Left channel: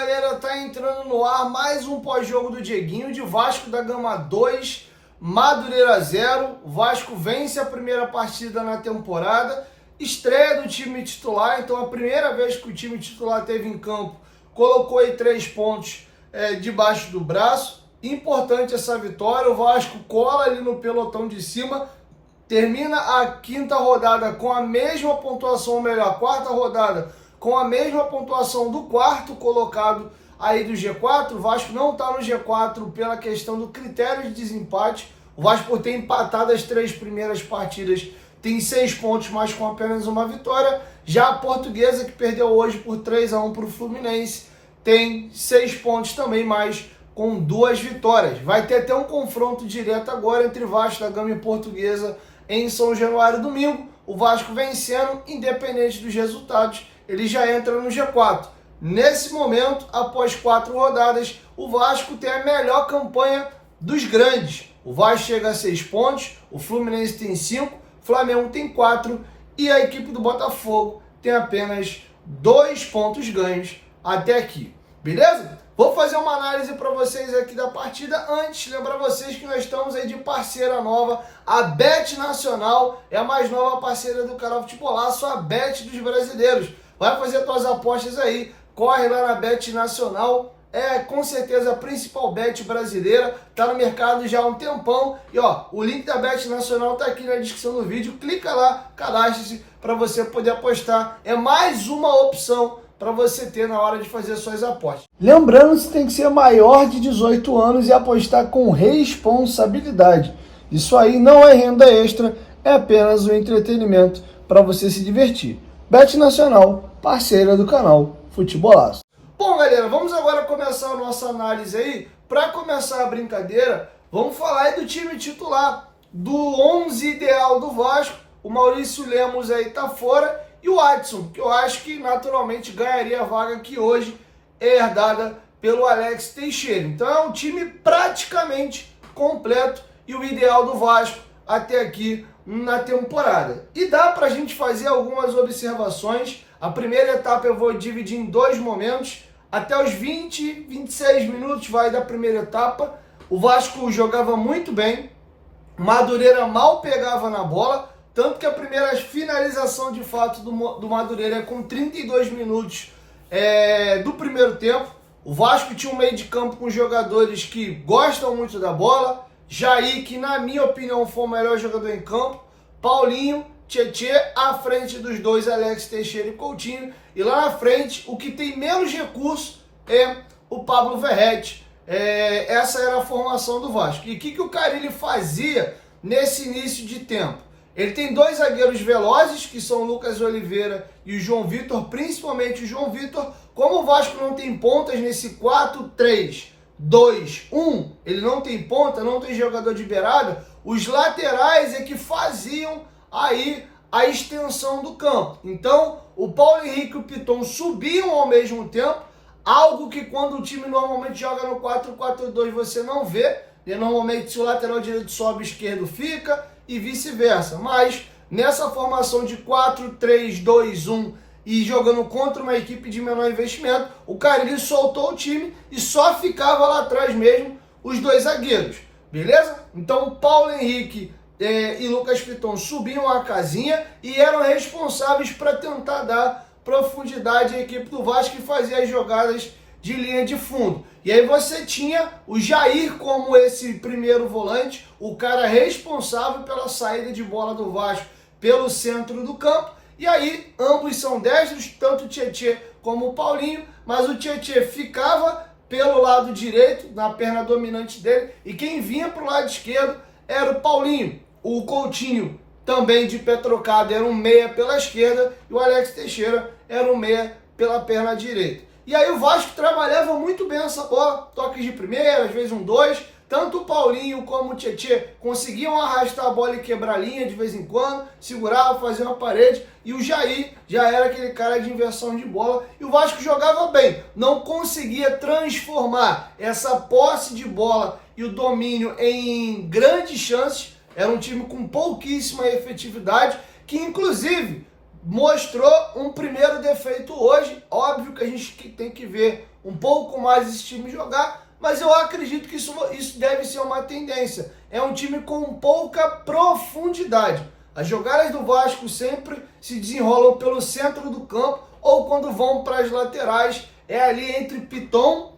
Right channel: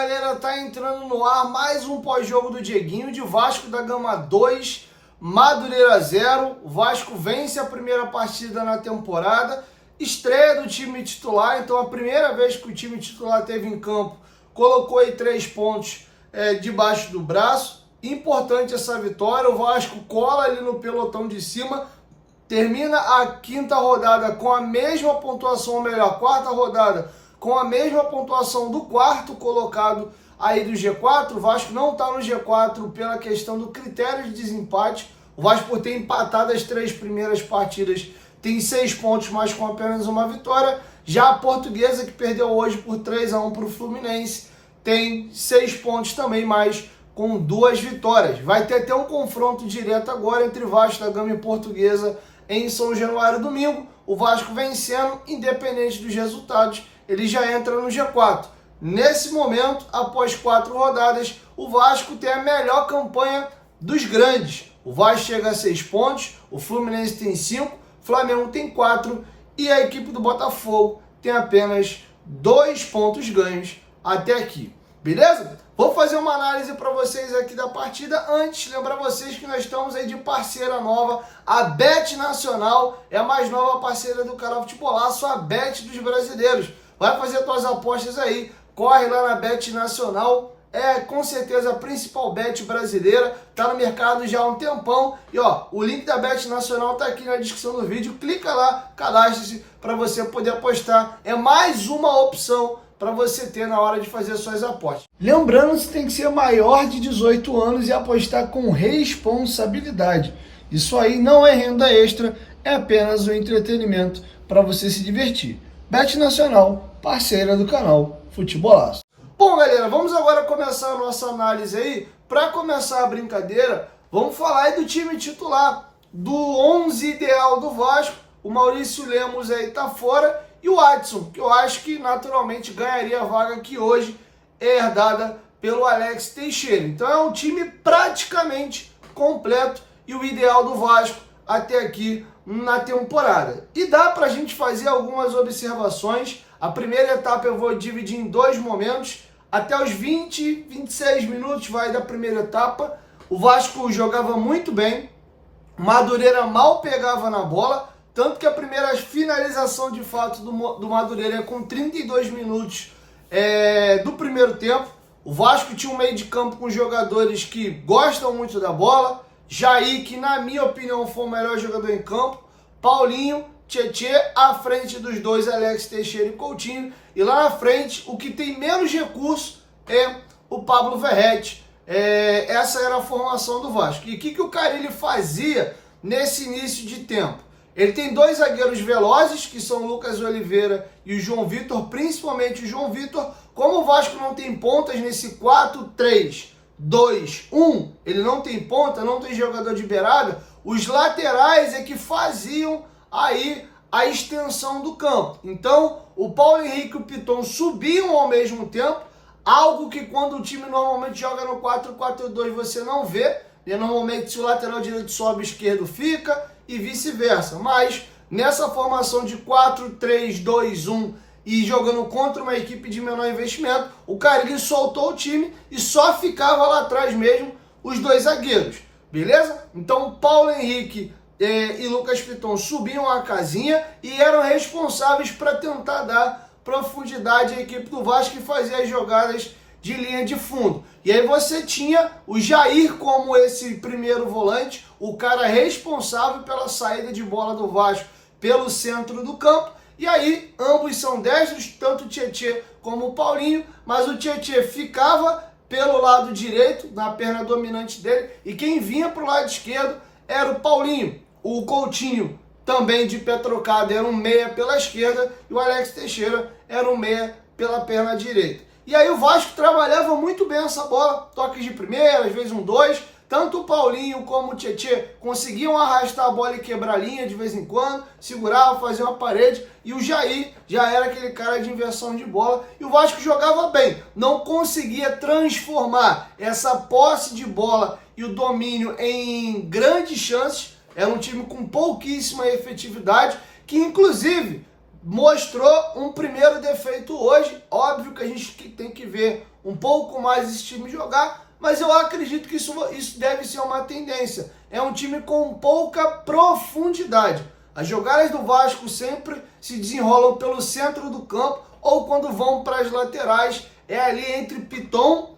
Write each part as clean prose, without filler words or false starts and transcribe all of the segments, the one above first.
galera, tá entrando no ar mais um pós-jogo do Dieguinho de Vasco da Gama 2, Madureira 0. O Vasco vence a primeira partida na temporada, estreia do time titular, então a primeira vez que o time titular esteve em campo, colocou aí 3 pontos debaixo do braço. Importante essa vitória, o Vasco cola ali no pelotão de cima, termina a quinta rodada com a mesma pontuação, ou melhor, a quarta rodada com a mesma pontuação do quarto colocado aí do G4. O Vasco não está no G4 pela questão do critério de desempate. O Vasco, por ter empatado as 3 primeiras partidas, tem 6 pontos, mas com apenas uma vitória. Já a Portuguesa, que perdeu hoje por 3-1 para o Fluminense, tem 6 pontos também, mas com 2 vitórias. Vai ter até um confronto direto agora entre Vasco da Gama e Portuguesa em São Januário domingo. O Vasco vencendo, independente dos resultados, ele já entra no G4. Nesse momento, após 4 rodadas, o Vasco tem a melhor campanha dos grandes. O Vasco chega a 6 pontos, o Fluminense tem 5, o Flamengo tem 4 e a equipe do Botafogo tem apenas 2 pontos ganhos até aqui. Beleza? Vou fazer uma análise para vocês aqui da partida. Antes, lembrar vocês que nós estamos aí de parceira nova. A Bet Nacional é a mais nova parceira do canal Futebolaço, a Bet dos brasileiros. Vai fazer suas apostas aí, corre lá na Bet Nacional, é com certeza a principal bet brasileira, tá no mercado já há um tempão. E ó, o link da Bet Nacional tá aqui na descrição do vídeo, clica lá, cadastre-se para você poder apostar. É mais uma opção para você ter na hora de fazer suas apostas. Lembrando que você tem que ser maior de 18 anos e apostar com responsabilidade. Isso aí não é renda extra, é apenas um entretenimento para você se divertir. Bet Nacional, parceira do canal Futebolaço. Bom, galera, vamos agora começar a nossa análise aí. Para começar a brincadeira, vamos falar aí do time titular, do 11 ideal do Vasco. O Maurício Lemos aí tá fora e o Adson, que eu acho que naturalmente ganharia a vaga que hoje é herdada pelo Alex Teixeira. Então é um time praticamente completo e o ideal do Vasco até aqui na temporada. E dá para a gente fazer algumas observações. A primeira etapa eu vou dividir em 2 momentos. Até os 20, 26 minutos vai da primeira etapa. O Vasco jogava muito bem. Madureira mal pegava na bola. Tanto que a primeira finalização de fato do Madureira é com 32 minutos do primeiro tempo. O Vasco tinha um meio de campo com jogadores que gostam muito da bola. Jair, que na minha opinião foi o melhor jogador em campo. Paulinho, Tietê, à frente dos dois, Alex Teixeira e Coutinho. E lá na frente, o que tem menos recurso é o Pablo Verratti. Essa era a formação do Vasco. E o que o Carille fazia nesse início de tempo? Ele tem 2 zagueiros velozes, que são o Lucas Oliveira e o João Vitor, principalmente o João Vitor. Como o Vasco não tem pontas nesse 4-3-2-1, ele não tem ponta, não tem jogador de beirada, os laterais é que faziam aí a extensão do campo. Então, o Paulo Henrique e o Piton subiam ao mesmo tempo, algo que quando o time normalmente joga no 4-4-2 você não vê, e normalmente se o lateral direito sobe, o esquerdo fica, e vice-versa. Mas nessa formação de 4-3-2-1 e jogando contra uma equipe de menor investimento, o Carille soltou o time e só ficava lá atrás mesmo os 2 zagueiros. Beleza? Então o Paulo Henrique e Lucas Piton subiam a casinha e eram responsáveis para tentar dar profundidade à equipe do Vasco e fazer as jogadas de linha de fundo. E aí você tinha o Jair como esse primeiro volante, o cara responsável pela saída de bola do Vasco pelo centro do campo. E aí ambos são destros, tanto o Tietê como o Paulinho, mas o Tietê ficava pelo lado direito, na perna dominante dele, e quem vinha para o lado esquerdo era o Paulinho. O Coutinho, também de pé trocado, era um meia pela esquerda, e o Alex Teixeira era um meia pela perna direita. E aí o Vasco trabalhava muito bem essa bola, toques de primeira, às vezes um 2, tanto o Paulinho como o Tietê conseguiam arrastar a bola e quebrar a linha de vez em quando, segurava, fazia uma parede, e o Jair já era aquele cara de inversão de bola, e o Vasco jogava bem, não conseguia transformar essa posse de bola e o domínio em grandes chances. Era um time com pouquíssima efetividade, que inclusive mostrou um primeiro defeito hoje. Óbvio que a gente tem que ver um pouco mais esse time jogar, mas eu acredito que isso deve ser uma tendência. É um time com pouca profundidade. As jogadas do Vasco sempre se desenrolam pelo centro do campo ou quando vão para as laterais, é ali entre Piton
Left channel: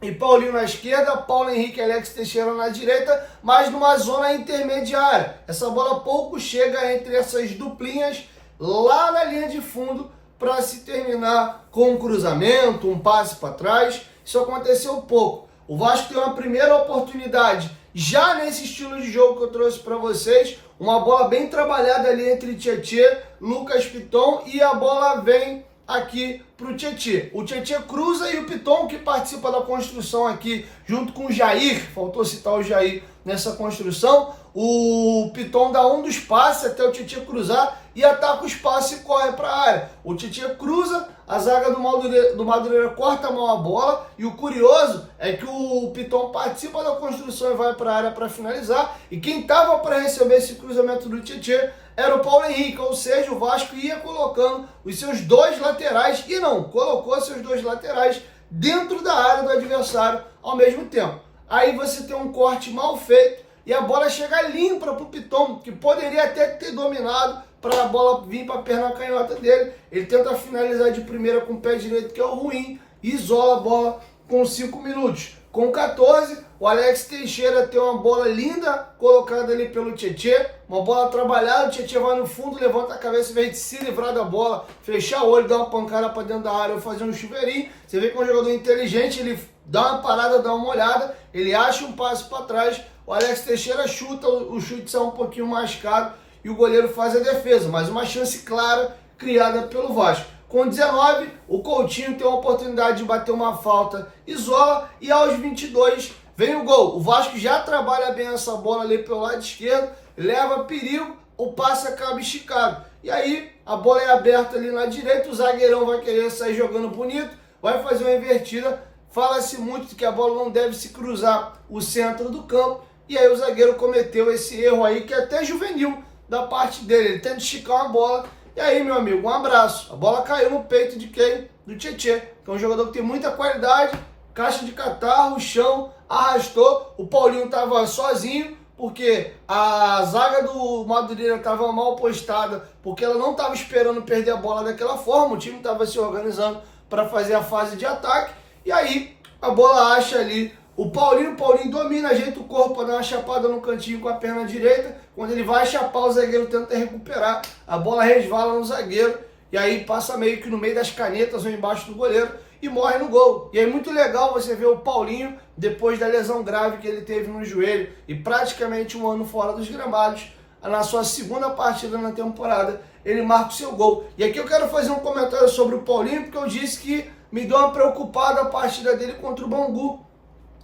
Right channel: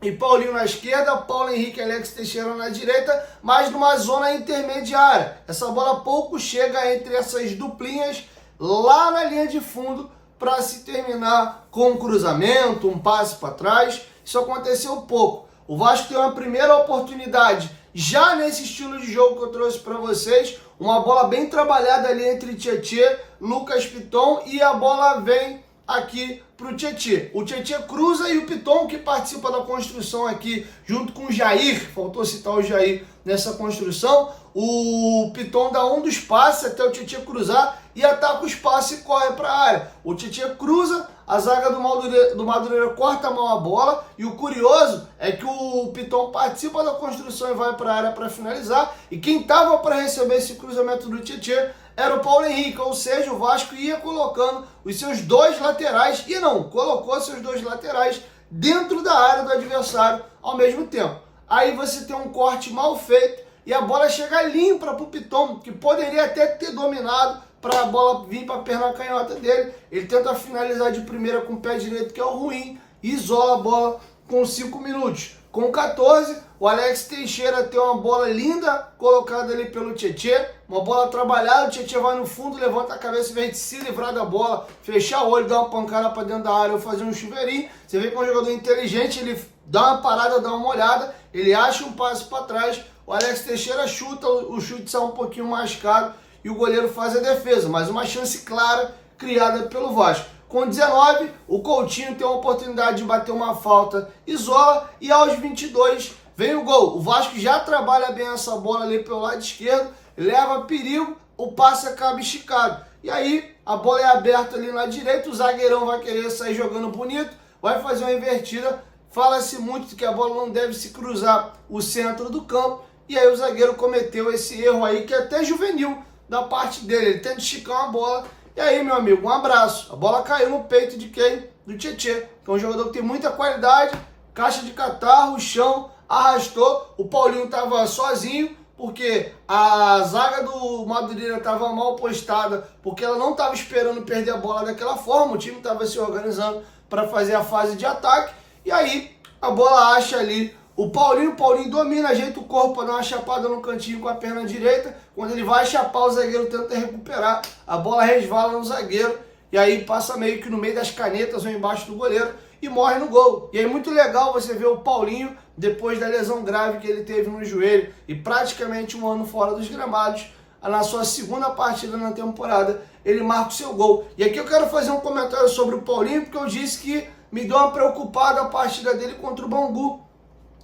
e Paulinho na esquerda, Paulo Henrique e Alex Teixeira na direita, mas numa zona intermediária. Essa bola pouco chega entre essas duplinhas lá na linha de fundo para se terminar com um cruzamento, um passe para trás. Isso aconteceu pouco. O Vasco tem uma primeira oportunidade já nesse estilo de jogo que eu trouxe para vocês, uma bola bem trabalhada ali entre Tietê, Lucas Piton, e a bola vem aqui para o Tietê. O Tietê cruza e o Piton, que participa da construção aqui, junto com o Jair, faltou citar o Jair nessa construção, o Piton dá um dos passes até o Tietê cruzar e ataca o espaço e corre para a área. O Tietê cruza, a zaga do Madureira corta a mão a bola e o curioso é que o Piton participa da construção e vai para a área para finalizar, e quem estava para receber esse cruzamento do Tietê era o Paulo Henrique, ou seja, o Vasco ia colocando os seus dois laterais, e não, colocou seus dois laterais dentro da área do adversário ao mesmo tempo. Aí você tem um corte mal feito e a bola chega limpa para o Piton, que poderia até ter dominado para a bola vir para a perna canhota dele. Ele tenta finalizar de primeira com o pé direito, que é o ruim, e isola a bola com 5 minutos. Com 14, o Alex Teixeira tem uma bola linda colocada ali pelo Tietê, uma bola trabalhada, o Tietê vai no fundo, levanta a cabeça, em vez de se livrar da bola, fechar o olho, dar uma pancada para dentro da área ou fazer um chuveirinho. Você vê que é um jogador inteligente, ele dá uma parada, dá uma olhada, ele acha um passe para trás, o Alex Teixeira chuta, o chute sai um pouquinho mascado e o goleiro faz a defesa, mas uma chance clara criada pelo Vasco. Com 19, o Coutinho tem a oportunidade de bater uma falta, isola, e aos 22 vem o gol. O Vasco já trabalha bem essa bola ali pelo lado esquerdo, leva perigo, o passe acaba esticado. E aí a bola é aberta ali na direita, o zagueirão vai querer sair jogando bonito, vai fazer uma invertida. Fala-se muito que a bola não deve se cruzar o centro do campo, e aí o zagueiro cometeu esse erro aí, que é até juvenil da parte dele. Ele tenta esticar uma bola, e aí, meu amigo, um abraço. A bola caiu no peito de quem? Do Tietê, que é um jogador que tem muita qualidade, caixa de catarro, chão, arrastou. O Paulinho estava sozinho, porque a zaga do Madureira estava mal postada, porque ela não estava esperando perder a bola daquela forma, o time estava se organizando para fazer a fase de ataque, e aí a bola acha ali o Paulinho domina, ajeita o corpo para dar uma chapada no cantinho com a perna direita. Quando ele vai chapar, o zagueiro tenta recuperar, a bola resvala no zagueiro, e aí passa meio que no meio das canetas ou embaixo do goleiro e morre no gol. E aí muito legal você ver o Paulinho, depois da lesão grave que ele teve no joelho e praticamente um ano fora dos gramados, na sua segunda partida na temporada, ele marca o seu gol. E aqui eu quero fazer um comentário sobre o Paulinho, porque eu disse que me deu uma preocupada a partida dele contra o Bangu.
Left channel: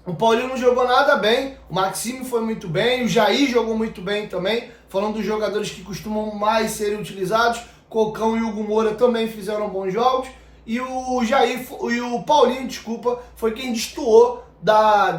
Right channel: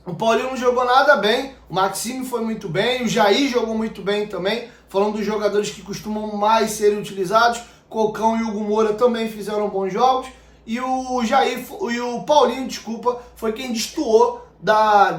O Paulinho não jogou nada bem, o Maxime foi muito bem, o Jair jogou muito bem também, falando dos jogadores que costumam mais serem utilizados, Cocão e Hugo Moura também fizeram bons jogos, e o Paulinho, desculpa, foi quem destoou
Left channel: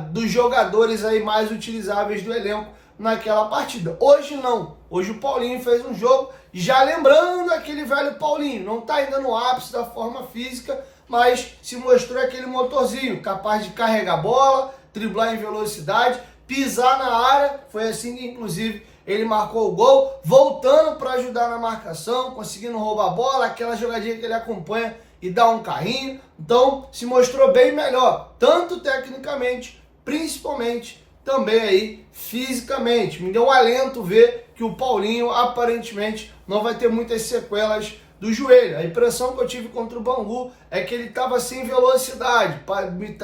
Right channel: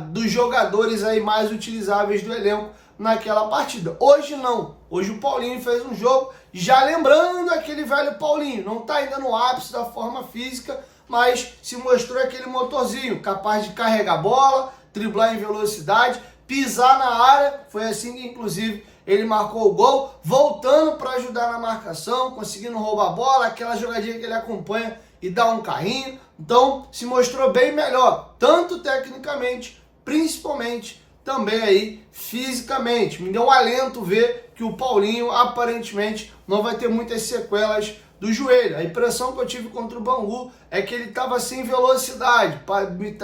dos jogadores aí mais utilizáveis do elenco naquela partida. Hoje não, hoje o Paulinho fez um jogo, já lembrando aquele velho Paulinho, não está ainda no ápice da forma física, mas se mostrou aquele motorzinho, capaz de carregar a bola, driblar em velocidade, pisar na área. Foi assim que inclusive ele marcou o gol, voltando para ajudar na marcação, conseguindo roubar a bola, aquela jogadinha que ele acompanha e dá um carrinho. Então se mostrou bem melhor, tanto tecnicamente, principalmente também aí fisicamente. Me deu um alento ver que o Paulinho aparentemente não vai ter muitas sequelas do joelho. A impressão que eu tive contra o Bangu é que ele estava sem velocidade,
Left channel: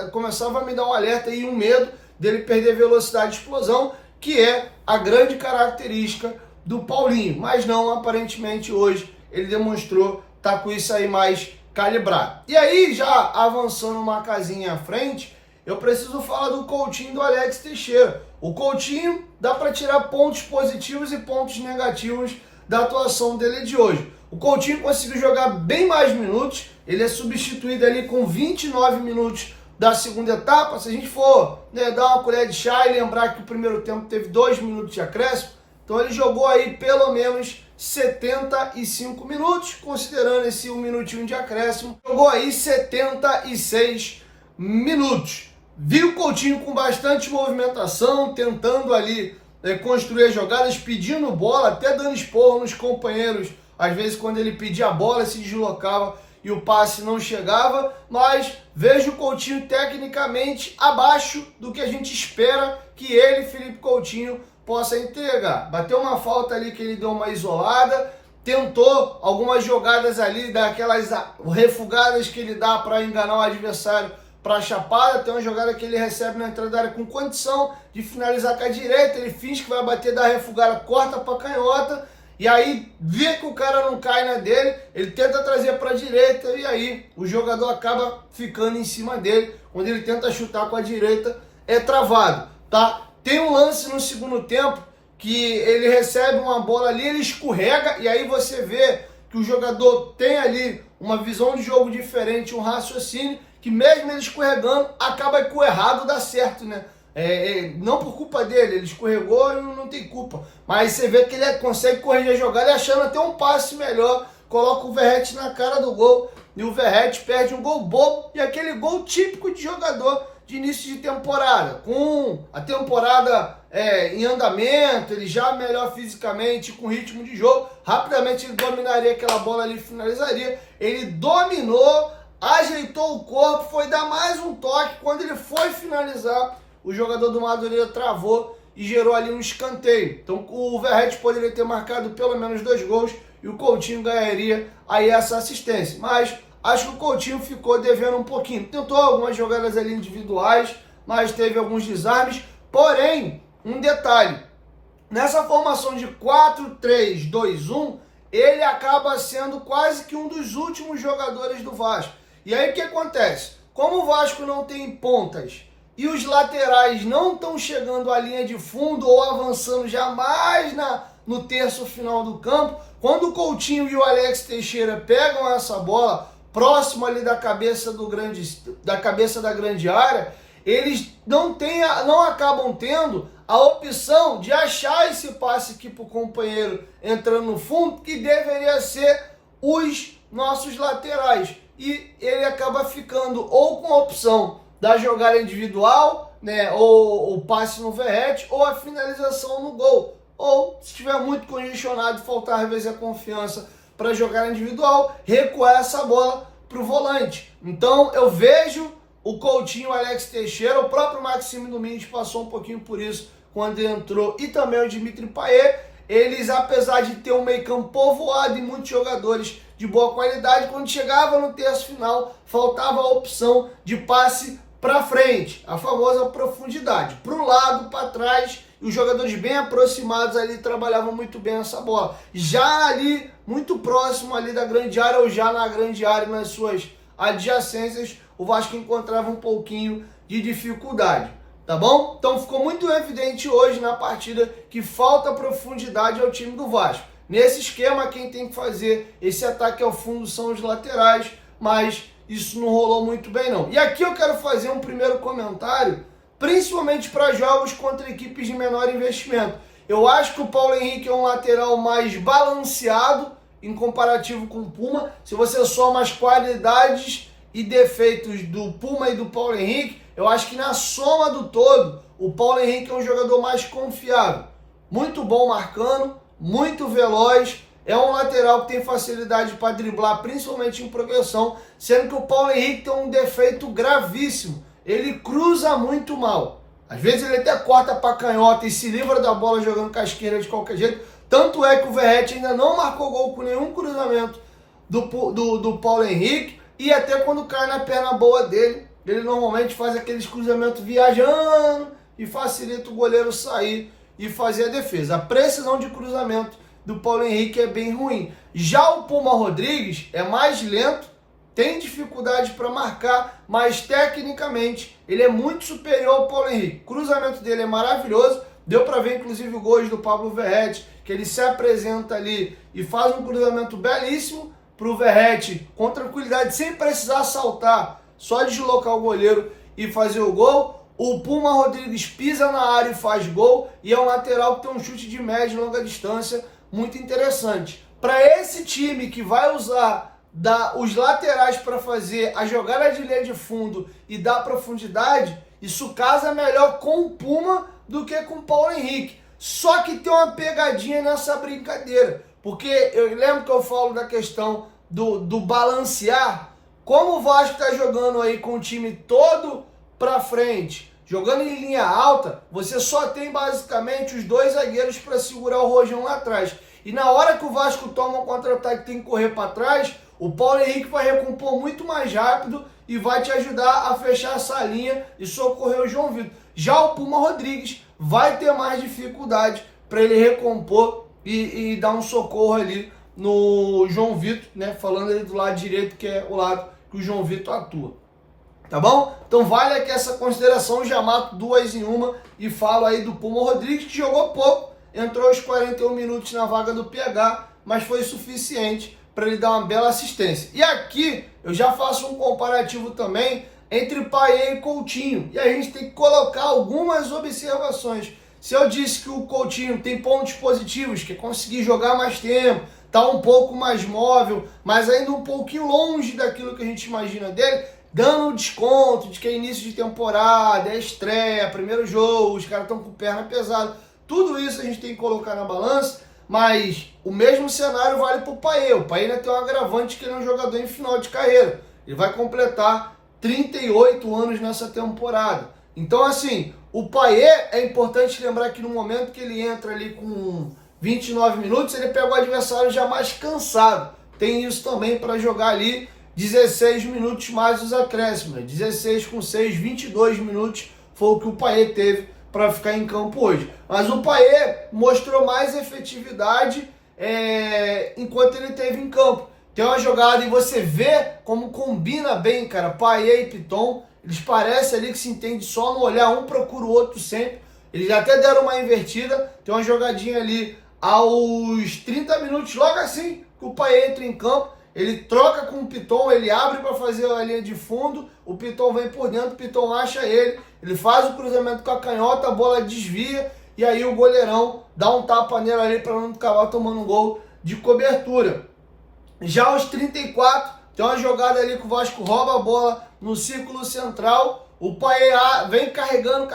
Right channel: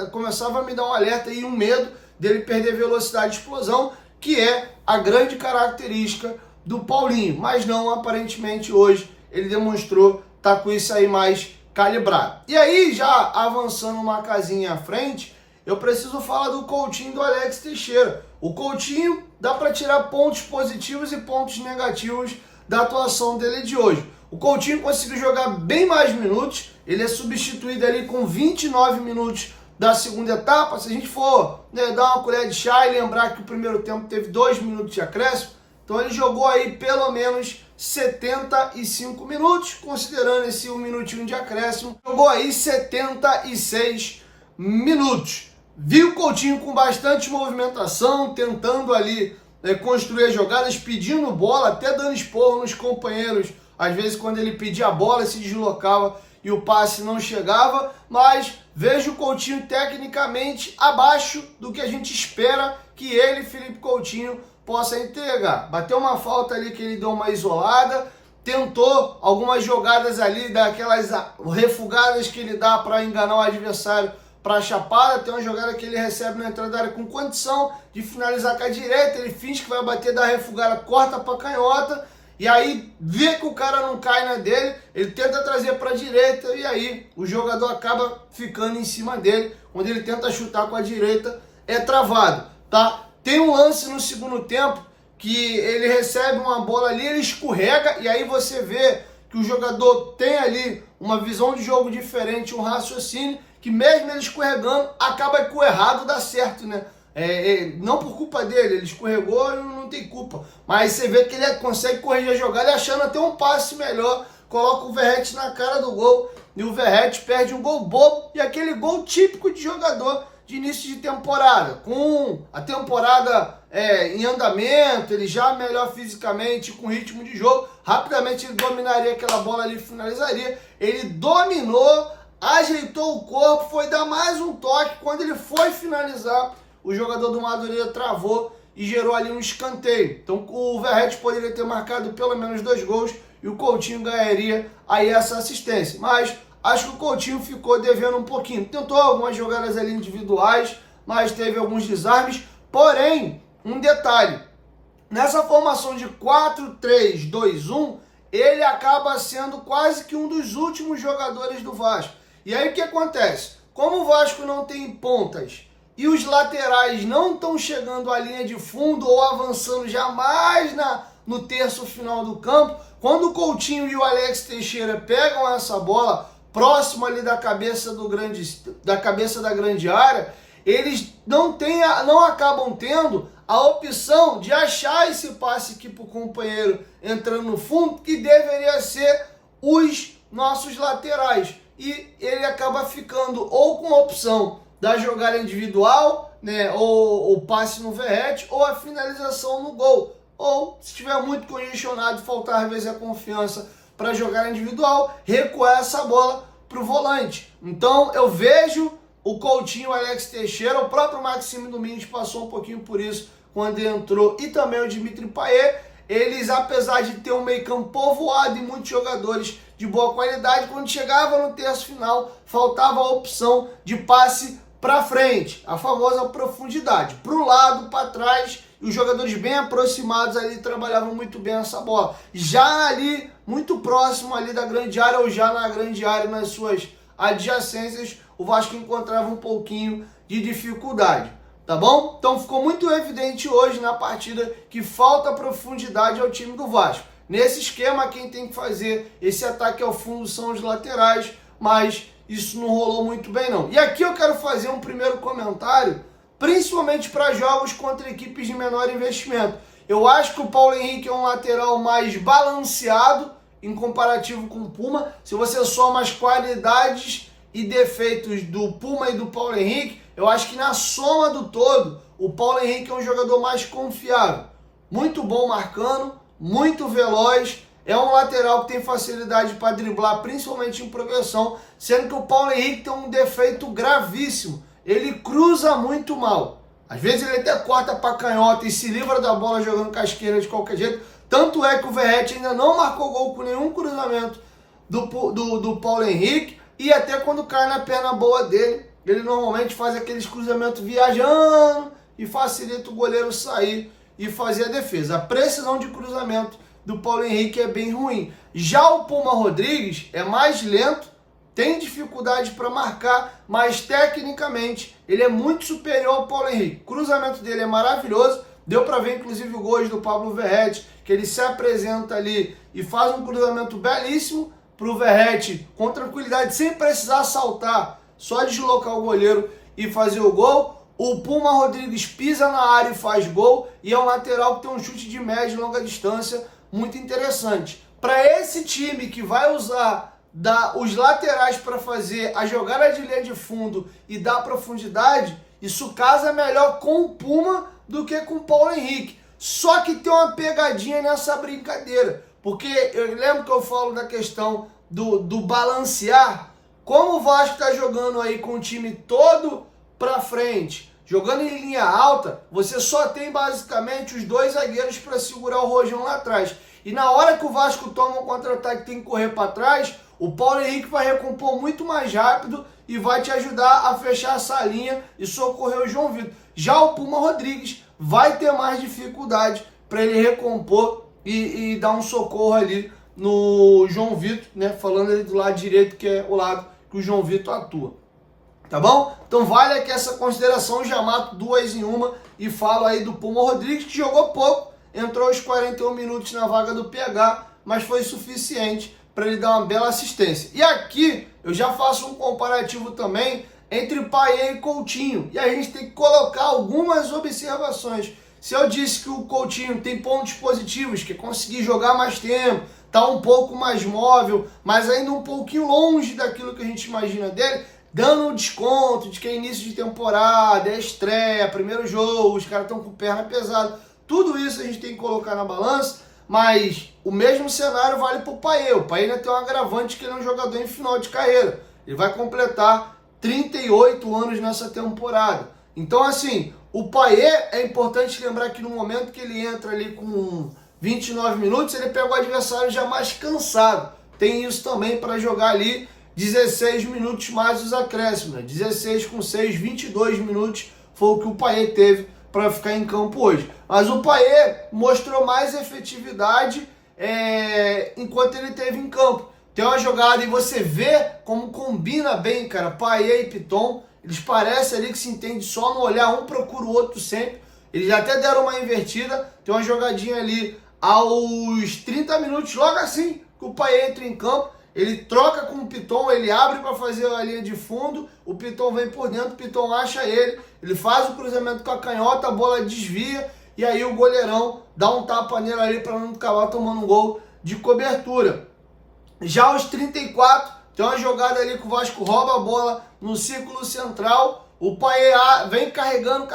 começava a me dar um alerta e um medo dele perder velocidade e explosão, que é a grande característica do Paulinho, mas não, aparentemente hoje ele demonstrou estar com isso aí mais calibrado. E aí, já avançando uma casinha à frente, eu preciso falar do Coutinho e do Alex Teixeira. O Coutinho dá para tirar pontos positivos e pontos negativos da atuação dele de hoje. O Coutinho conseguiu jogar bem mais minutos, ele é substituído ali com 29 minutos da segunda etapa. Se a gente for dar uma colher de chá e lembrar que o primeiro tempo teve 2 minutos de acréscimo, Então ele jogou aí pelo menos 75 minutos, considerando esse 1 minutinho de acréscimo, jogou aí 76 minutos. Viu o Coutinho com bastante movimentação, tentando ali construir as jogadas, pedindo bola, até dando esporro nos companheiros. Às vezes quando ele pedia a bola, se deslocava e o passe não chegava, mas vejo o Coutinho tecnicamente abaixo do que a gente espera que ele, Felipe Coutinho, possa entregar. Bateu uma falta ali que ele deu uma isolada, tentou algumas jogadas ali, daquelas refugadas que ele dá para enganar o adversário para a chapada. Tem uma jogada que ele recebe na entrada da área com condição de finalizar com a direita, ele finge que vai bater da refugada, corta para a canhota, e aí vê que o cara não cai na dele, ele tenta trazer para a direita, e aí o jogador acaba ficando em cima dele. Quando ele tenta chutar com a direita, é travado, tá? Tem um lance no segundo tempo que ele recebe uma bola ali, ele escorrega, e aí você vê que o jogador tem ali uma visão de jogo diferente, um raciocínio, que mesmo ele escorregando, acaba que o errado dá certo, né? Não por culpa dele, ele escorregou e não tem culpa. Mas você vê que ele consegue corrigir a jogada, achando até um passe melhor, coloca o Verratti na cara do gol, e o Verratti perde um gol bobo, e aquele gol típico de jogador de início de temporada, com a temporada em andamento, ele já melhor fisicamente, com ritmo de jogo, rapidamente ele dominaria aquela bola ali, finalizaria. Ele dominou, ajeitou o corpo, foi dar mais um toque, quando ele foi finalizar, o jogador do Madureira travou e gerou ali um escanteio. Então o Verratti poderia ter marcado pelo menos 2 gols e o Coutinho ganharia aí essa assistência, mas acho que o Coutinho ficou devendo um pouquinho. Tentou algumas jogadas ali individuais, mas teve alguns desarmes. Porém, um detalhe, nessa formação de 4-3-2-1, ele acaba sendo quase que um dos últimos jogadores do Vasco. E aí o que acontece? Como o Vasco não tem pontas e os laterais não estão chegando à linha de fundo ou avançando jamais no terço final do campo, quando o Coutinho e o Alex Teixeira pegam essa bola próximo ali da cabeça da grande área, eles não acabam tendo a opção de achar esse passe aqui para o companheiro entrando no fundo, que deveria ser os nossos laterais. E ele acaba ficando ou com a opção da jogada individual, né, ou o passe no Verratti, ou a finalização no gol. Ou, se estiver muito congestionado, faltar às vezes a confiança para jogar individual, recuar essa bola para o volante. Então eu vejo o Coutinho, o Alex Teixeira, o próprio Maxime Domingues passou um pouquinho por isso quando entrou, e também o Dimitri Payet. Eles, apesar de ter um meio campo povoado e muitos jogadores de boa qualidade, quando chegava no terço final, faltava a opção de passe para frente, a famosa profundidade, para o lado, para trás, e os jogadores bem aproximados ali trabalhavam muito bem essa bola. Já ali, muito próximo ali da grande área, ou já na grande área, nas suas adjacências, o Vasco encontrava um pouquinho de dificuldade, tá bom? Então ficou muito evidente hoje na partida que falta profundidade ao time do Vasco. Nesse esquema, quem tem que fazer esse ataque ao fundo são os laterais, mas isso não rolou muito bem não. E aqui eu quero fazer um primeiro comentário, principalmente para jogos contra equipes de menor investimento. Eu acho que o Paulo Henrique é um lateral mais balanceado em comparativo com o Puma. Se você soma as qualidades e defeitos do Puma e do Paulo Henrique, eu acho que na soma do todo, o Paulo Henrique é um jogador mais confiável. Muito bom marcando, muito veloz, é um lateral que tem facilidade para driblar, principalmente em progressão, sendo que o Paulo Henrique tem um defeito gravíssimo. Ele cruza muito mal. Às vezes ele até corta para canhota e se livra da bola jogando com a esquerda de qualquer jeito. Tanto é que o Verratti ainda não marcou gol com nenhum cruzamento do Paulo Henrique. E até quando cai na perna boa dele, ele normalmente faz aqueles cruzamentos viajando e facilita o goleiro sair e fazer a defesa. A precisão de cruzamento do Paulo Henrique é bem ruim. Já o Puma Rodrigues é mais lento, tem dificuldade para marcar, mas tecnicamente ele é muito superior ao Paulo Henrique. O cruzamento dele é maravilhoso, deu para ver inclusive o gol do Pablo Verratti, que ele se apresenta ali e faz um cruzamento belíssimo para o Verratti com tranquilidade, sem precisar saltar, só deslocar o goleiro e fazer o gol. O Puma Rodrigues pisa na área e faz gol, e é um lateral que tem um chute de média e longa distância muito interessante. Para esse time que vai usar os laterais para fazer a jogada de linha de fundo e dar profundidade, isso casa melhor com o Puma do que com o Paulo Henrique. Só que tem uma pegadinha nessa brincadeira, porque eu lembro que eu falo da questão do balancear. Como o Vasco está jogando aí com o time todo para frente, jogando em linha alta, você só tem basicamente os dois zagueiros para segurar o Rojão lá atrás. E na hora que o Vasco toma um contra-ataque e tem que correr para trás, o Paulo Henrique vai recompor muito mais rápido e vai te ajudar a fechar essa linha e socorrer o João Vitor. Já o Puma Rodrigues vai ter mais dificuldade para ele recompor e dar um socorro ali no João Vitor, né? Falando ali do lado direito, que é o lado que o João Vitor atua. Tá bom? Então vale aqui essa consideração, já mato duas em uma e falo aí do Puma Rodrigues, que jogou pouco, entrou aos 41 minutos na vaga do PH, mas foi suficiente para ele dar uma bela assistência. E aqui eu já faço um comparativo também entre Payet e Coutinho, e a gente tem que colocar algumas observações. Se eu disse que o Coutinho tem pontos positivos, que é conseguir jogar mais tempo, tá um pouco mais móvel, mas ainda um pouquinho longe daquilo que a gente imagina dele, dando um desconto de que é início de temporada, é estreia, primeiro jogo, os caras estão com perna pesada, tudo isso a gente tem que colocar na balança, mas o mesmo cenário vale para o Payet. O Payet ainda tem um agravante que ele é um jogador em final de carreira, ele vai completar 38 anos nessa temporada. Então assim, o Payet é importante lembrar que no momento que ele entra ali com 29 minutos, ele pega o adversário já mais cansado. Tem isso também para jogar ali 16 minutos mais os acréscimos. 16 com 6, 22 minutos foi o que o Payet teve para ficar em campo hoje. Mas o Payet mostrou mais efetividade enquanto ele esteve em campo. Tem uma jogada e você vê como combina bem, cara, Payet e Piton. Eles parecem ali que se entende só no olhar, um procura o outro sempre. Eles até deram uma invertida. Tem uma jogadinha ali aos 30 minutos, logo assim que o Payet entra em campo, ele troca com o Piton, ele abre para fazer a linha de fundo, o Piton vem por dentro, o Piton acha ele faz o cruzamento com a canhota, a bola desvia, e aí o goleirão dá um tapa nele ali para não acabar tomando um gol de cobertura. Já aos 34, tem uma jogada ali que o Vasco rouba a bola no círculo central, o Payet vem carregando,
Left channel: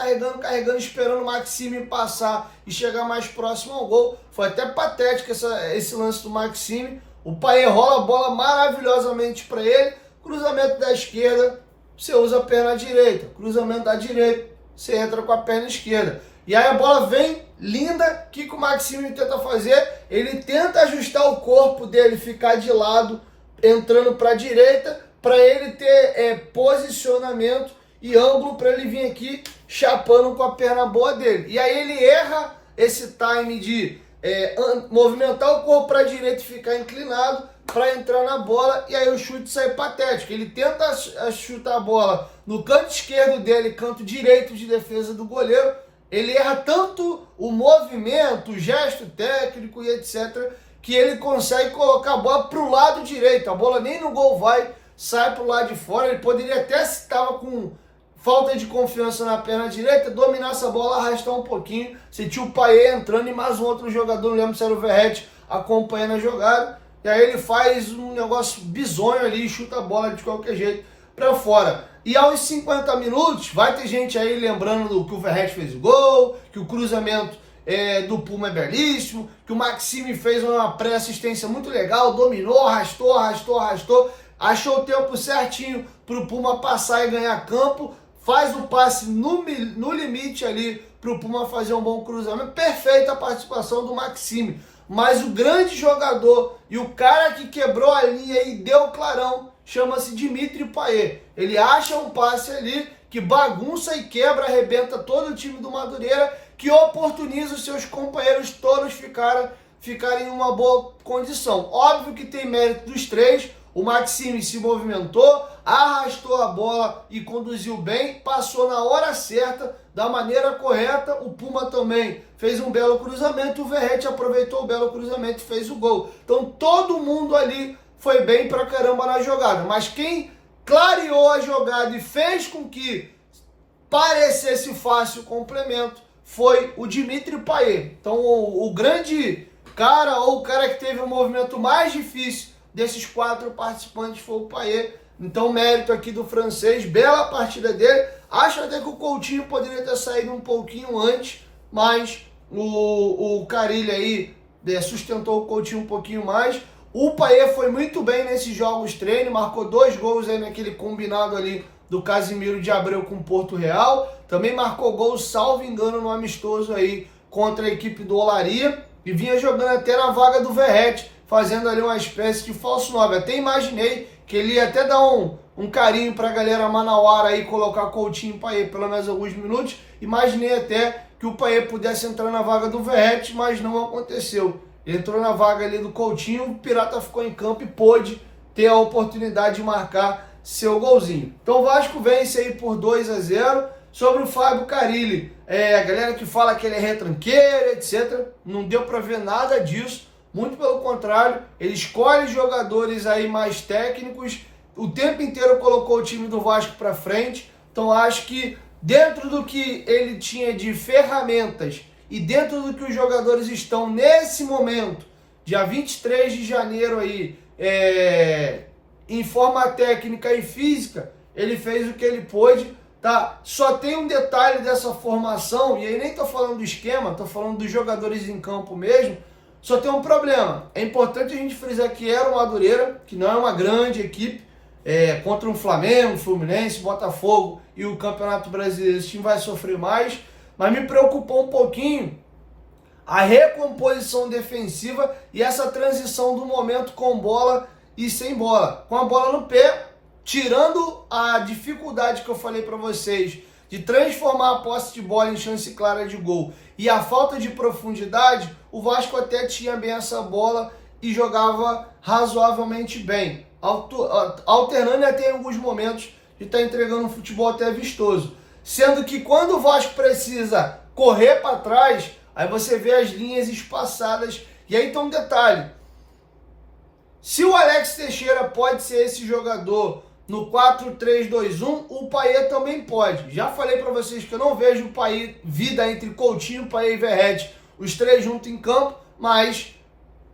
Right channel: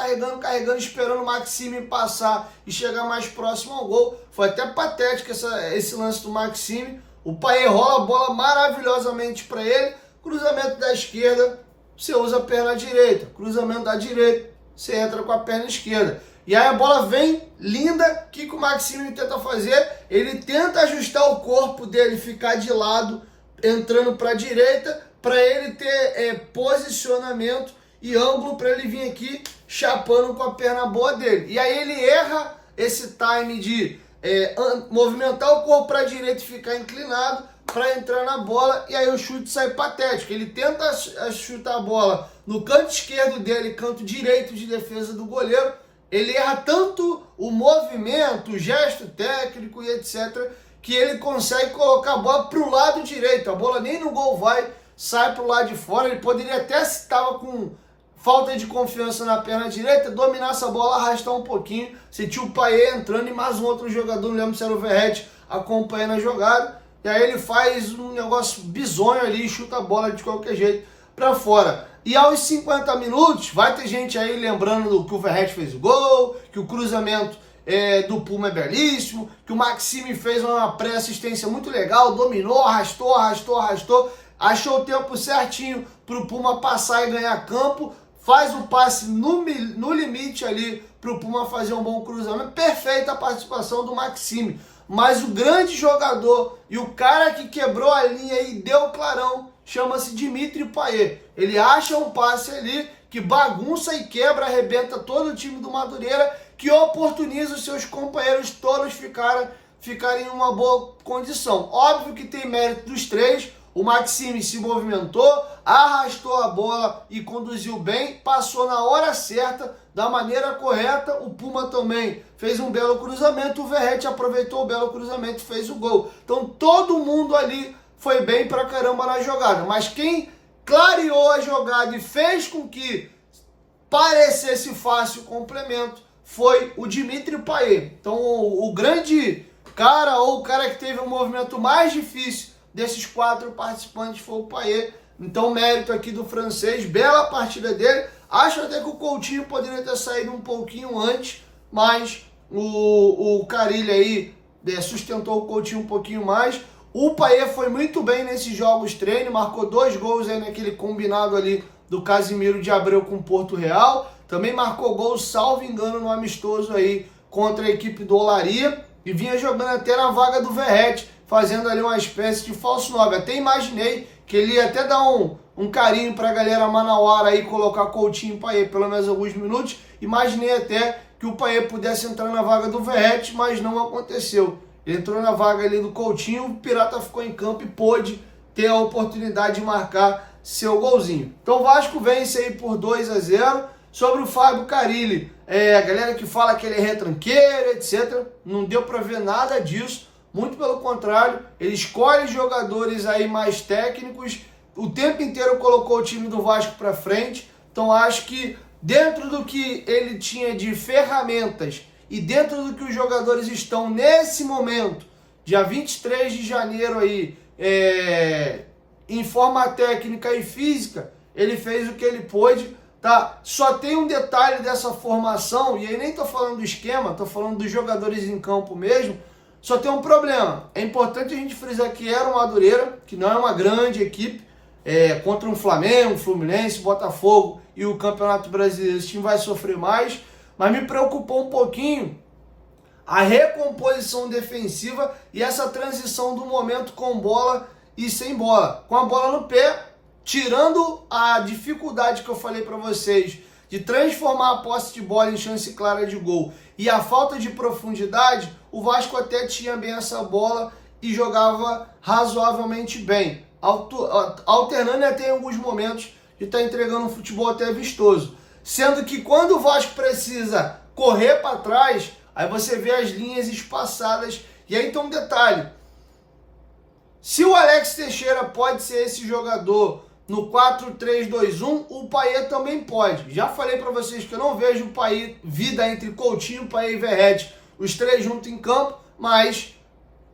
esperando o Maxime passar e chegar mais próximo ao gol. Foi até patético esse lance do Maxime. O Payet rola a bola maravilhosamente para ele. Cruzamento da esquerda, você usa a perna direita. Cruzamento da direita, você entra com a perna esquerda. E aí a bola vem linda. O que o Maxime tenta fazer? Ele tenta ajustar o corpo dele, ficar de lado, entrando para a direita, para ele ter posicionamento e ângulo para ele vir aqui chapando com a perna boa dele. E aí ele erra esse time de movimentar o corpo para a direita e ficar inclinado para entrar na bola, e aí o chute sai patético. Ele tenta chutar a bola no canto esquerdo dele, canto direito de defesa do goleiro. Ele erra tanto o movimento, o gesto técnico e etc., que ele consegue colocar a bola para o lado direito. A bola nem no gol vai, sai para o lado de fora. Ele poderia até, se estava com falta de confiança na perna direita, dominar essa bola, arrastar um pouquinho. Você tinha o Payet entrando e mais um outro jogador, não lembro se era o Verratti, acompanhando a jogada. E aí ele faz um negócio bizonho ali e chuta a bola de qualquer jeito para fora. E aos 50 minutos, vai ter gente aí lembrando do que o Verratti fez o gol, que o cruzamento do Puma é belíssimo, que o Maxime fez uma pré-assistência muito legal, dominou, arrastou, achou o tempo certinho para o Puma passar e ganhar campo, faz o passe no limite ali para o Puma fazer um bom cruzamento. Perfeita a participação do Maxime. Mas o grande jogador e o cara que quebrou a linha e deu clarão chama-se Dimitri Payet. Ele acha um passe ali que bagunça e quebra, arrebenta todo o time do Madureira, que oportuniza os seus companheiros todos ficarem em uma boa condição. Óbvio que tem mérito dos três. O Maxime se movimentou, arrastou a bola e conduziu bem, passou na hora certa, da maneira correta. O Puma também fez um belo cruzamento, o Verratti aproveitou o belo cruzamento e fez o gol. Então todo mundo ali foi bem pra caramba na jogada, mas quem clareou a jogada e fez com que parecesse fácil o complemento, foi o Dimitri Payet. Então o grande cara, ou o cara que teve o movimento mais difícil desses 4 participantes foi o Payet. Então mérito aqui do francês, bela partida dele. Acho até que o Coutinho poderia ter saído um pouquinho antes, mas o Carille aí sustentou o Coutinho um pouquinho mais. O Payet foi muito bem nesses jogos treino, marcou 2 gols aí naquele combinado ali do Casimiro de Abreu com o Porto Real. Também marcou gol, salvo engano, no amistoso aí contra a equipe do Olaria. E vinha jogando até na vaga do Verratti, fazendo ali uma espécie de falso 9. Até imaginei que ele ia até dar um carinho para a galera manauara aí, colocar Coutinho e Payet pelo menos alguns minutos. Imaginei até que o Payet pudesse entrar na vaga do Verratti, mas não aconteceu. Ele entrou na vaga ali do Coutinho, o Pirata ficou em campo e pôde ter a oportunidade de marcar seu golzinho. Então o Vasco vence aí por 2-0. Sobre o Fábio Carille, a galera que fala que ele é retranqueiro, etc. Não deu para ver nada disso. Muito pelo contrário, ele escolhe jogadores aí mais técnicos. O tempo inteiro colocou o time do Vasco para frente. Então acho que dentro do que ele tinha de ferramentas e dentro do que os jogadores estão nesse momento, dia 23 de janeiro aí, em forma técnica e física, ele fez o que ele pôde, tá? Só tem um detalhe dessa formação, e aí nem tô falando do esquema, tô falando dos jogadores em campo mesmo. Só tem um problema. É importante a gente frisar que era o Madureira, que não é uma grande equipe, contra um Flamengo, Fluminense, Botafogo e o Campeonato Brasileiro. Esse time vai sofrer mais, mas me preocupou um pouquinho a recomposição defensiva e essa transição do momento com bola e sem bola. Com a bola no pé, tirando a dificuldade que eu falei para vocês de transformar a posse de bola em chance clara de gol e a falta de profundidade, o Vasco até tinha bem essa bola e jogava razoavelmente bem, alternando até em alguns momentos de estar entregando um futebol até vistoso. Sendo que quando o Vasco precisa correr para trás, aí você vê as linhas espaçadas. E aí então um detalhe, se o Alex Teixeira pode ser esse jogador no 4-3-2-1, o Payet também pode. Já falei para vocês que eu não vejo o Payet, vida entre Coutinho, Payet e Verratti, os três juntos em campo, mas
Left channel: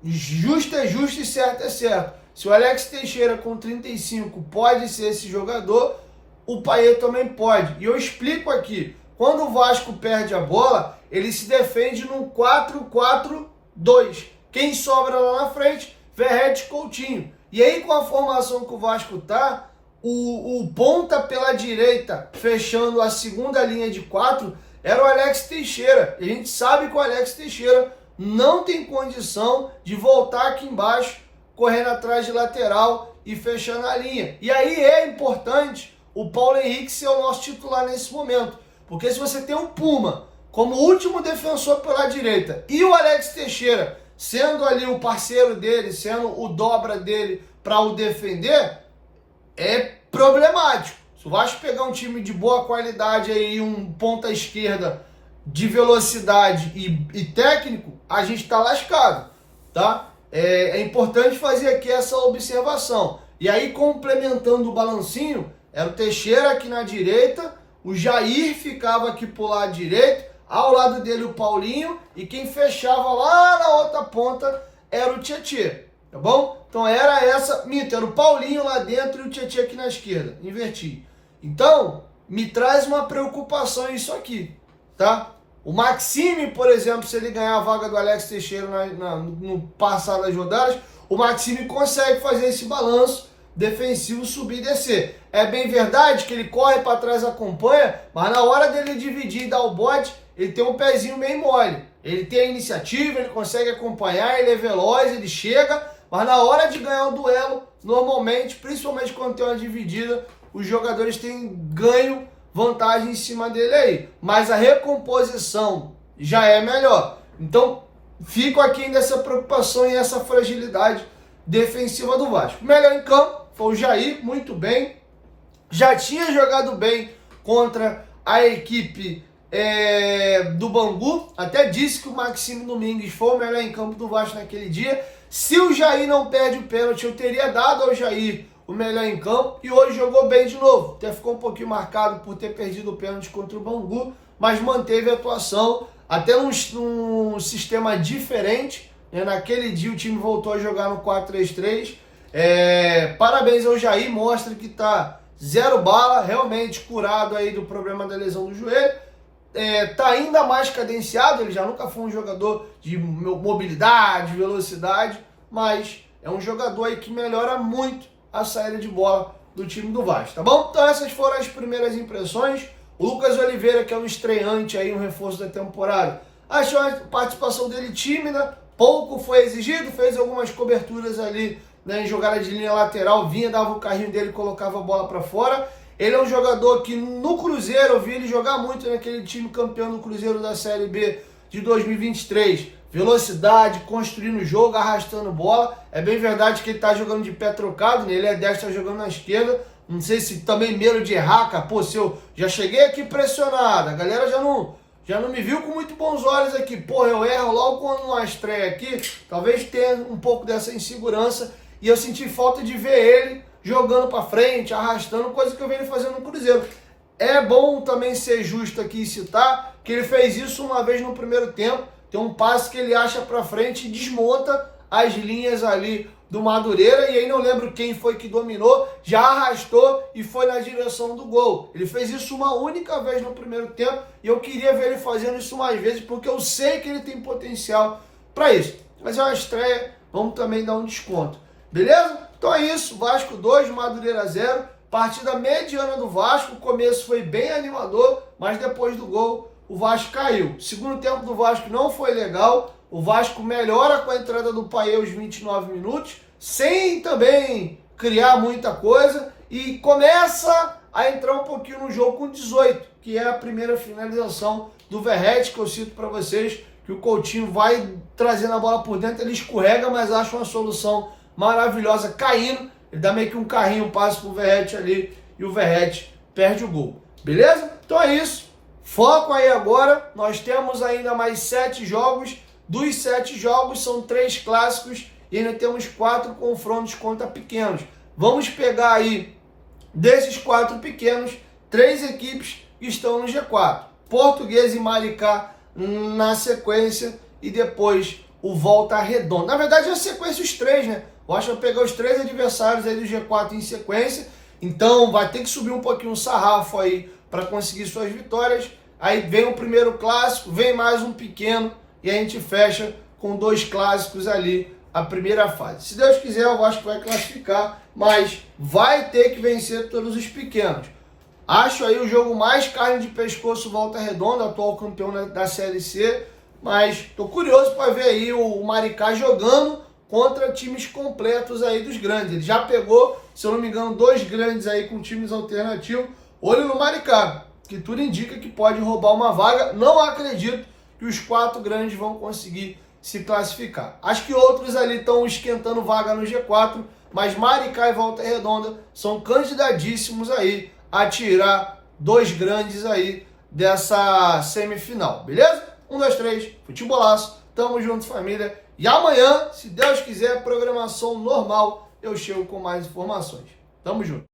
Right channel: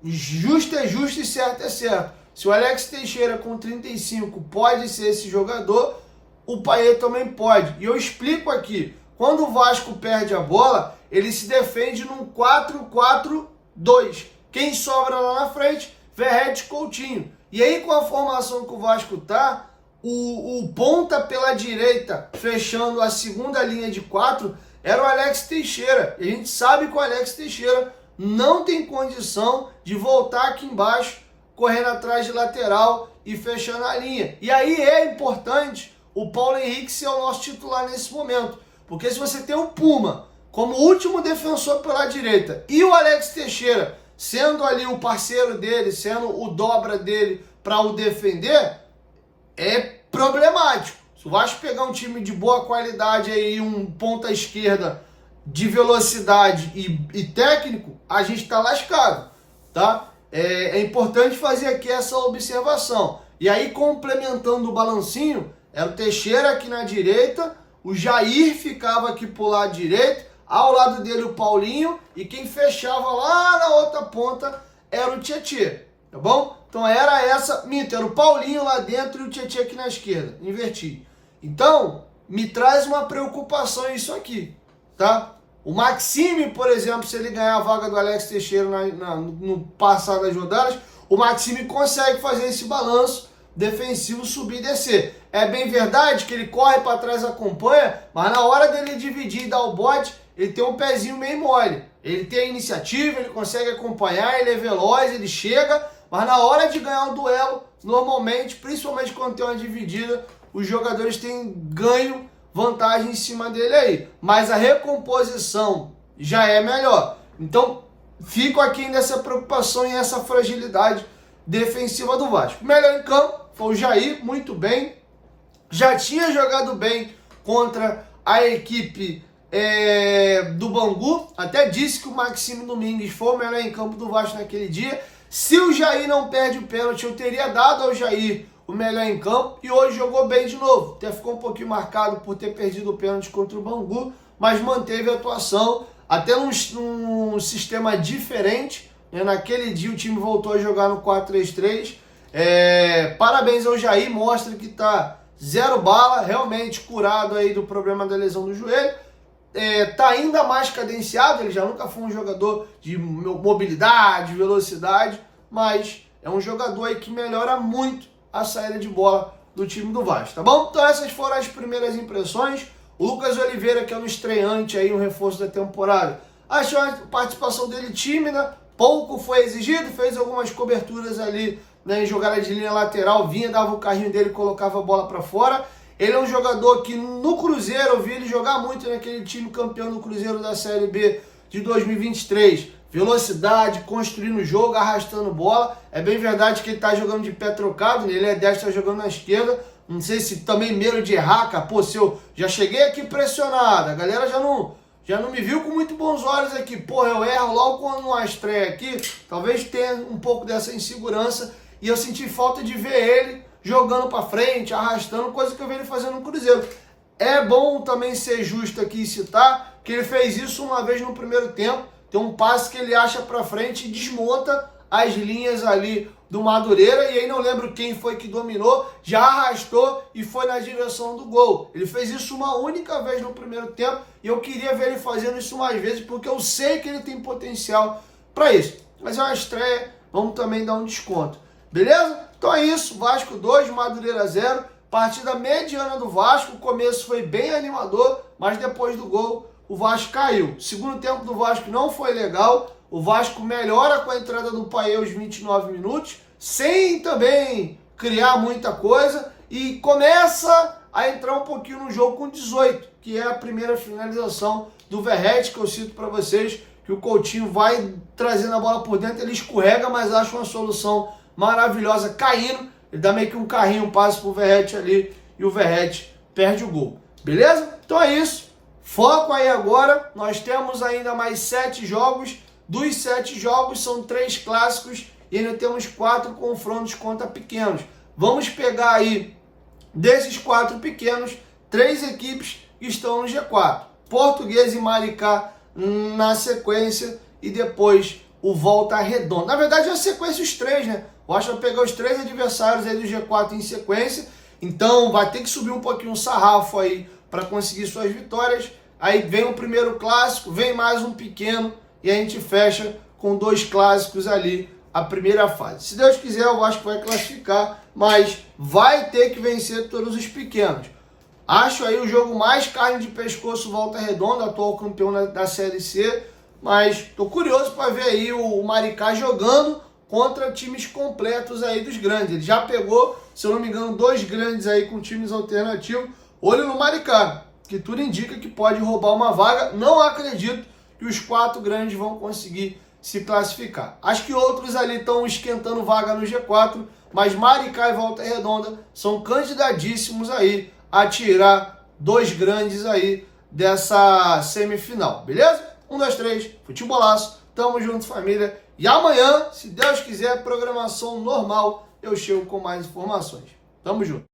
justo é justo e certo é certo. Se o Alex Teixeira com 35 pode ser esse jogador, o Payet também pode. E eu explico aqui, quando o Vasco perde a bola, ele se defende num 4-4-2. Quem sobra lá na frente? Verratti e Coutinho. E aí com a formação que o Vasco tá, o ponta pela direita, fechando a segunda linha de 4, era o Alex Teixeira. E a gente sabe que o Alex Teixeira não tem condição de voltar aqui embaixo, correndo atrás de lateral e fechando a linha. E aí é importante o Paulo Henrique ser o nosso titular nesse momento. Porque se você tem o Puma como último defensor pela direita e o Alex Teixeira sendo ali o parceiro dele, sendo o dobra dele para o defender, é problemático. Se o Vasco pegar um time de boa qualidade aí, um ponta esquerda de velocidade e técnico, a gente está lascado, tá? É importante fazer aqui essa observação. E aí, complementando o balancinho, era o Teixeira aqui na direita, o Jair ficava aqui pro lado direito, ao lado dele o Paulinho, e quem fechava lá na outra ponta era o Tietê, tá bom? Então era era o Paulinho lá dentro e o Tietê aqui na esquerda, inverti. Então, me traz uma preocupação isso aqui, tá? O Maxime, por exemplo, se ele ganhar a vaga do Alex Teixeira no passar das rodadas, o Maxime consegue fazer esse balanço defensivo, subir e descer. É bem verdade que ele corre para trás, acompanha, mas na hora dele dividir e dar o bote, ele tem um pezinho meio mole. Ele tem a iniciativa, ele consegue acompanhar, ele é veloz, ele chega, mas na hora de ganhar o duelo, normalmente, principalmente quando tem uma dividida, os jogadores têm ganho, vantagem em cima dele aí. Mas a recomposição já é melhor. Então, fico aqui nessa preocupação e essa fragilidade defensiva do Vasco. Melhor em campo foi o Jair, muito bem. Já tinha jogado bem contra a equipe do Bangu. Até disse que o Maxime Domingues foi o melhor em campo do Vasco naquele dia. Se o Jair não perde o pênalti, eu teria dado ao Jair o melhor em campo e hoje jogou bem de novo. Até ficou um pouquinho marcado por ter perdido o pênalti contra o Bangu, mas manteve a atuação até num sistema diferente, né? Naquele dia o time voltou a jogar no 4-3-3. Parabéns ao Jair, mostra que tá zero bala, realmente curado aí do problema da lesão do joelho. Tá ainda mais cadenciado, ele já nunca foi um jogador de mobilidade, velocidade, mas é um jogador aí que melhora muito a saída de bola do time do Vasco, tá bom? Então essas foram as primeiras impressões. O Lucas Oliveira, que é um estreante aí, um reforço da temporada, achou a participação dele tímida, pouco foi exigido, fez algumas coberturas ali, né, em jogada de linha lateral, vinha, dava o carrinho dele, colocava a bola para fora. Ele é um jogador que no Cruzeiro, eu vi ele jogar muito naquele time campeão do Cruzeiro da Série B de 2023. Velocidade, construindo o jogo, arrastando bola. É bem verdade que ele tá jogando de pé trocado, né? Ele é destro, tá jogando na esquerda. Não sei se também medo de errar, cara. Pô, se eu já cheguei aqui pressionado, a galera já não me viu com muito bons olhos aqui. Pô, eu erro logo quando uma estreia aqui. Talvez tenha um pouco dessa insegurança. E eu senti falta de ver ele jogando para frente, arrastando, coisa que eu venho fazendo no Cruzeiro. É bom também ser justo aqui e citar que ele fez isso uma vez no primeiro tempo. Tem um passe que ele acha para frente e desmonta as linhas ali do Madureira, e aí não lembro quem foi que dominou, já arrastou e foi na direção do gol. Ele fez isso uma única vez no primeiro tempo e eu queria ver ele fazendo isso mais vezes, porque eu sei que ele tem potencial para isso. Mas é uma estreia, vamos também dar um desconto. Beleza? Então é isso, Vasco 2, Madureira 0, partida mediana do Vasco, o começo foi bem animador, mas depois do gol o Vasco caiu. O segundo tempo do Vasco não foi legal, o Vasco melhora com a entrada do Paê aos 29 minutos, sem também criar muita coisa, e começa a entrar um pouquinho no jogo com 18, que é a primeira finalização do Verratti, que eu cito para vocês, que o Coutinho vai trazendo a bola por dentro, ele escorrega, mas acha uma solução maravilhosa caindo, ele dá meio que um carrinho, um passo pro Verratti ali e o Verratti perde o gol, beleza? Então é isso, foco aí agora, nós temos ainda mais 7 jogos, dos 7 jogos são 3 clássicos e ainda temos 4 confrontos contra pequenos. Vamos pegar aí, desses 4 pequenos, 3 equipes que estão no G4, Portuguesa e Maricá na sequência e depois o Volta Redonda. Na verdade é a sequência os 3, né? O Vasco vai pegar os 3 adversários aí do G4 em sequência, então vai ter que subir um pouquinho o sarrafo aí para conseguir suas vitórias. Aí vem o primeiro clássico, vem mais um pequeno e a gente fecha com 2 clássicos ali a primeira fase. Se Deus quiser, o Vasco vai classificar, mas vai ter que vencer todos os pequenos. Acho aí o jogo mais carne de pescoço Volta Redonda, atual campeão da Série C, mas tô curioso para ver aí o Maricá jogando contra times completos aí dos grandes. Ele já pegou, se eu não me engano, 2 grandes aí com times alternativos. Olho no Maricá, que tudo indica que pode roubar uma vaga. Não acredito que os 4 grandes vão conseguir se classificar. Acho que outros ali estão esquentando vaga no G4, mas Maricá e Volta Redonda são candidatíssimos aí a tirar 2 grandes aí dessa semifinal, beleza? 1, 2, 3, futebolaço, tamo junto, família. E amanhã, se Deus quiser, programação normal, eu chego com mais informações. Tamo junto.